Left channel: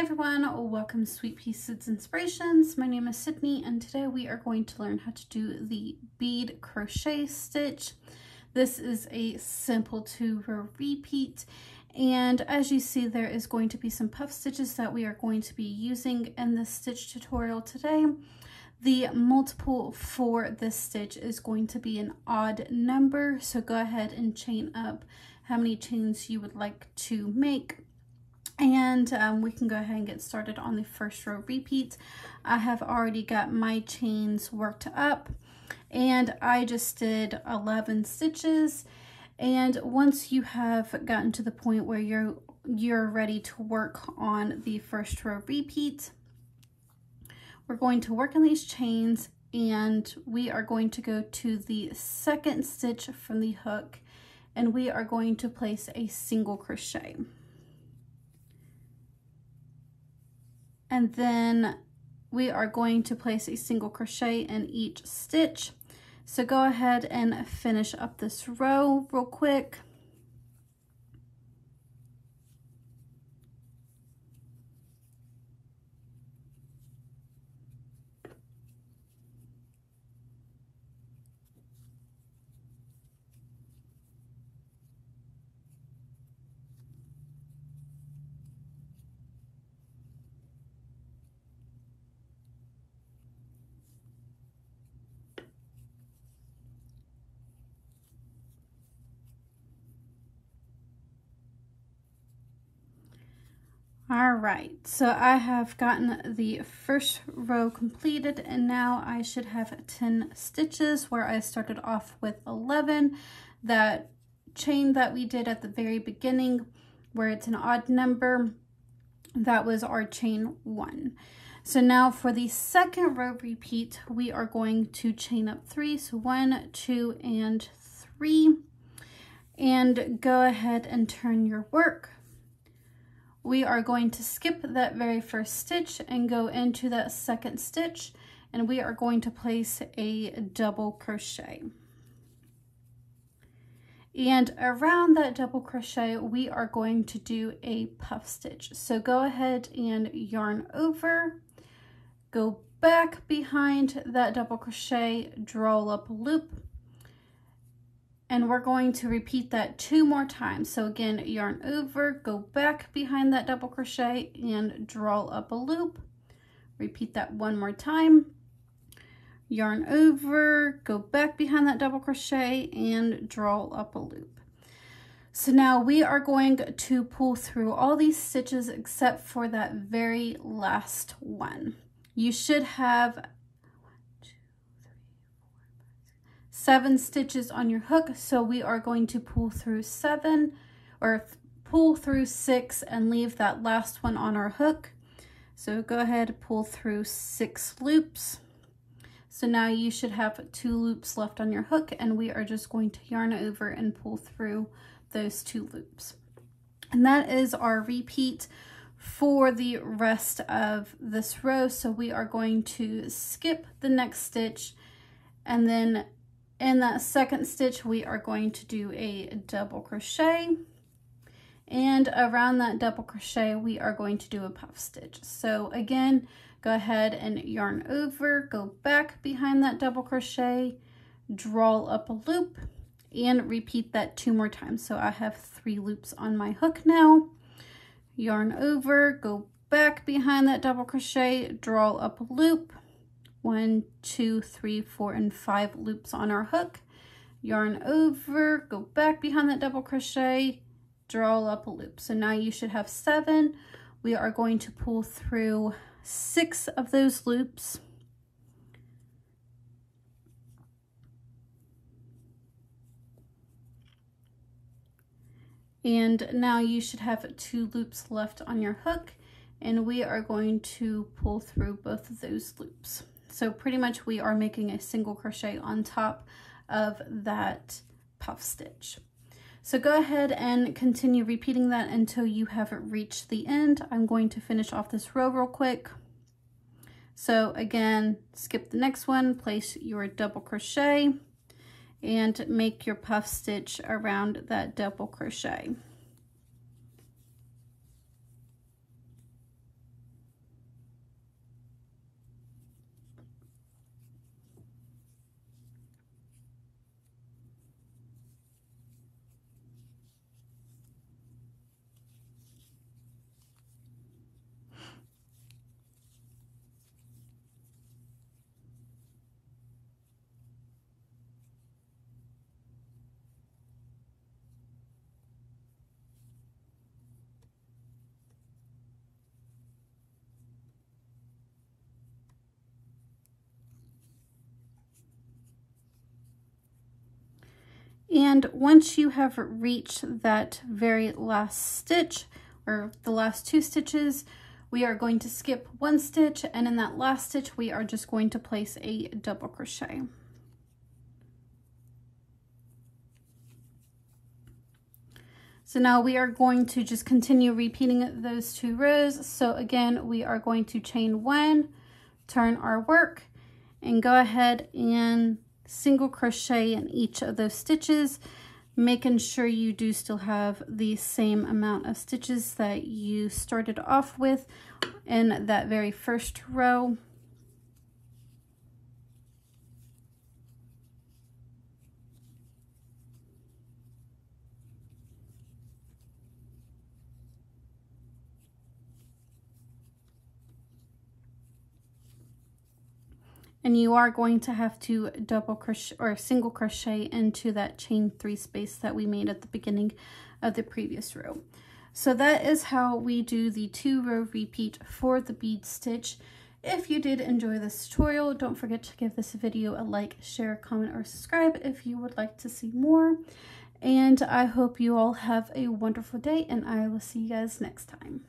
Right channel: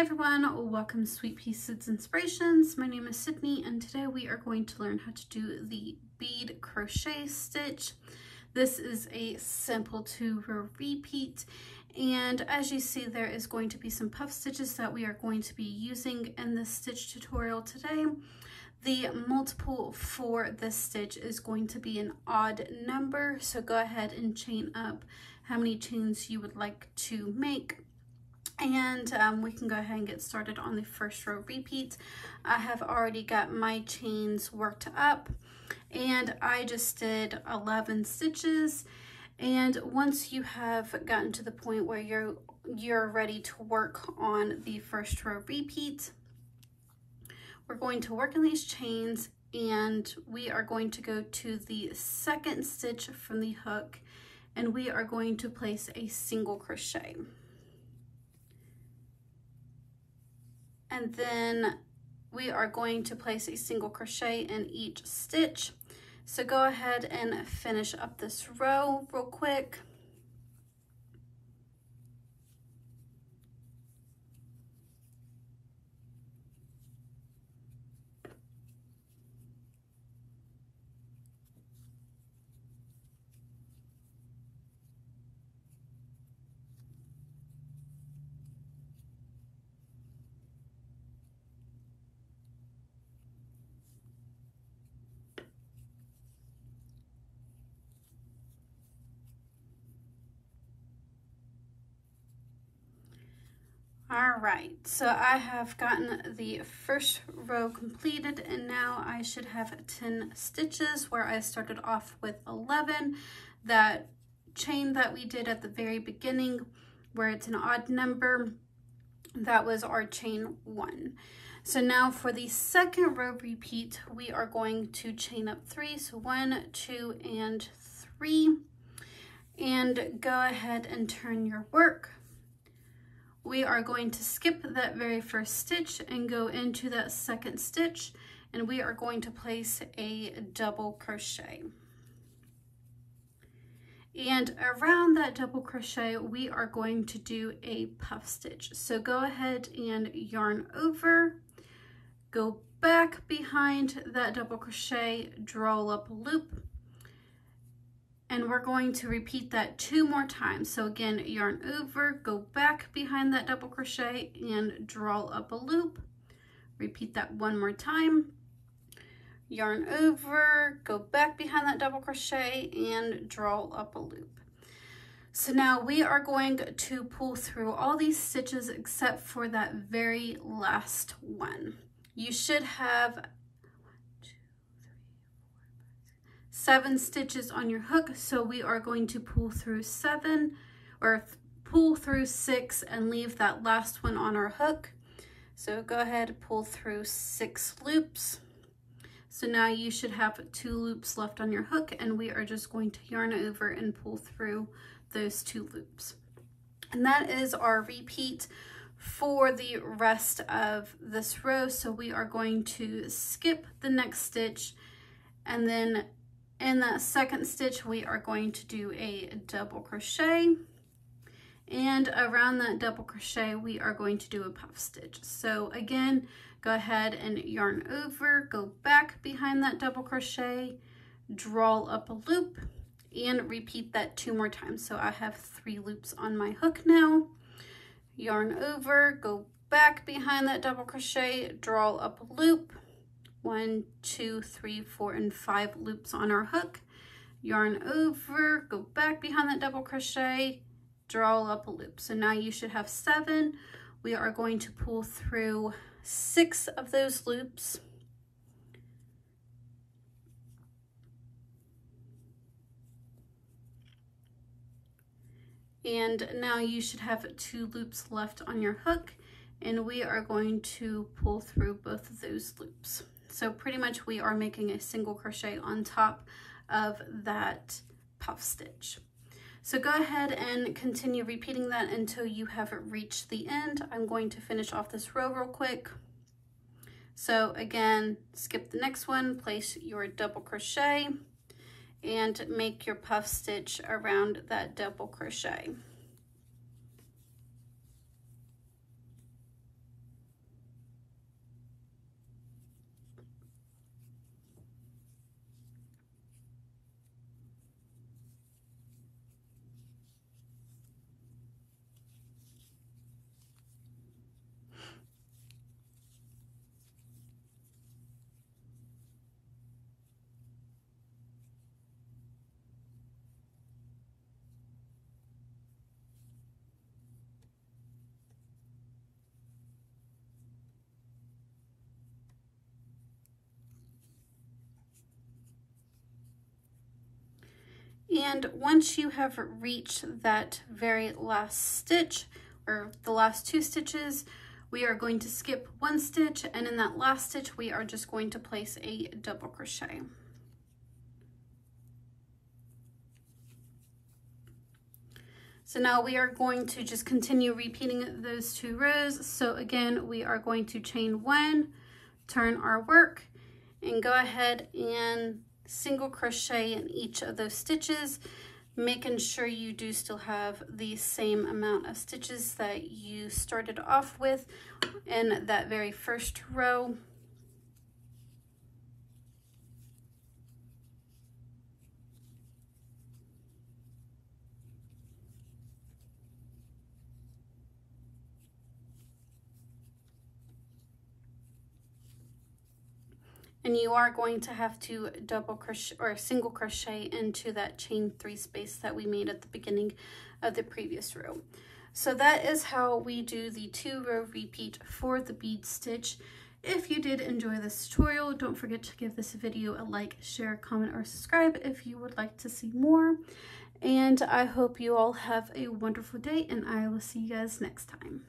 everyone, welcome to Sweet Pea Seeds Inspirations. My name is Sydney and today we are going to learn how to do the bead crochet stitch. This is a simple 2-row repeat, and as you see there is going to be some puff stitches that we are going to be using in this stitch tutorial today. The multiple for this stitch is going to be an odd number, so go ahead and chain up how many chains you would like to make. And we can go ahead and get started on the first row repeat. I have already got my chains worked up and I just did 11 stitches. And once you have gotten to the point where you're ready to work on the first row repeat, we're going to work on these chains and we are going to go to the second stitch from the hook and we are going to place a single crochet. And then we are going to place a single crochet in each stitch. So go ahead and finish up this row real quick. All right, so I have gotten the first row completed and now I should have 10 stitches where I started off with 11. That chain that we did at the very beginning where it's an odd number, that was our chain 1. So now for the second row repeat, we are going to chain up 3. So 1, 2, and 3. And go ahead and turn your work. We are going to skip that very first stitch and go into that second stitch, and we are going to place a double crochet. And around that double crochet, we are going to do a puff stitch. So go ahead and yarn over, go back behind that double crochet, draw up a loop, and we're going to repeat that 2 more times. So again, yarn over, go back behind that double crochet and draw up a loop. Repeat that 1 more time. Yarn over, go back behind that double crochet and draw up a loop. So now we are going to pull through all these stitches except for that very last one. You should have 7 stitches on your hook, so we are going to pull through 7 or pull through 6 and leave that last one on our hook. So go ahead and pull through 6 loops. So now you should have 2 loops left on your hook and we are just going to yarn over and pull through those 2 loops. And that is our repeat for the rest of this row. So we are going to skip the next stitch, and then in that second stitch, we are going to do a double crochet, and around that double crochet, we are going to do a puff stitch. So again, go ahead and yarn over, go back behind that double crochet, draw up a loop, and repeat that 2 more times. So I have 3 loops on my hook now. Yarn over, go back behind that double crochet, draw up a loop. 1, 2, 3, 4, and 5 loops on our hook. Yarn over, go back behind that double crochet, draw up a loop. So now you should have 7. We are going to pull through 6 of those loops. And now you should have 2 loops left on your hook, and we are going to pull through both of those loops. So pretty much we are making a single crochet on top of that puff stitch. So go ahead and continue repeating that until you have reached the end. I'm going to finish off this row real quick. So again, skip the next one, place your double crochet and make your puff stitch around that double crochet. And once you have reached that very last stitch, or the last 2 stitches, we are going to skip 1 stitch, and in that last stitch we are just going to place a double crochet. So now we are going to just continue repeating those 2 rows. So again, we are going to chain 1, turn our work, and go ahead and single crochet in each of those stitches, making sure you do still have the same amount of stitches that you started off with in that very first row. And you are going to have to double crochet or single crochet into that chain 3 space that we made at the beginning of the previous row. So that is how we do the 2-row repeat for the bead stitch. If you did enjoy this tutorial, don't forget to give this video a like, share, comment, or subscribe if you would like to see more. And I hope you all have a wonderful day, and I will see you guys next time.